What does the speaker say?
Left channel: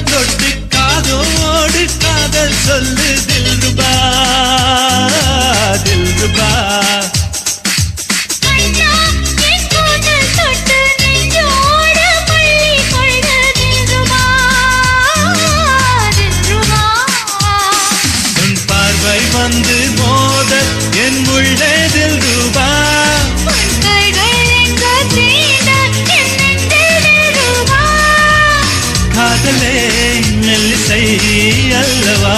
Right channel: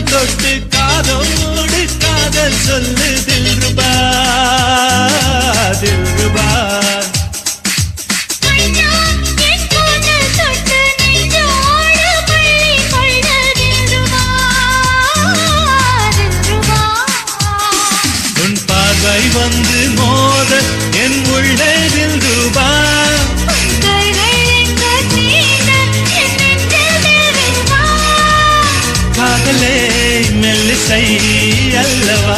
கரம் தொட்டு காதோடு காதல் சொல்லு தில்ருபா தில்ருபா உன் பார்வை வந்து மோத என் உள்ளே தில்ருபா காதலே மெல்லிசை அல்லவா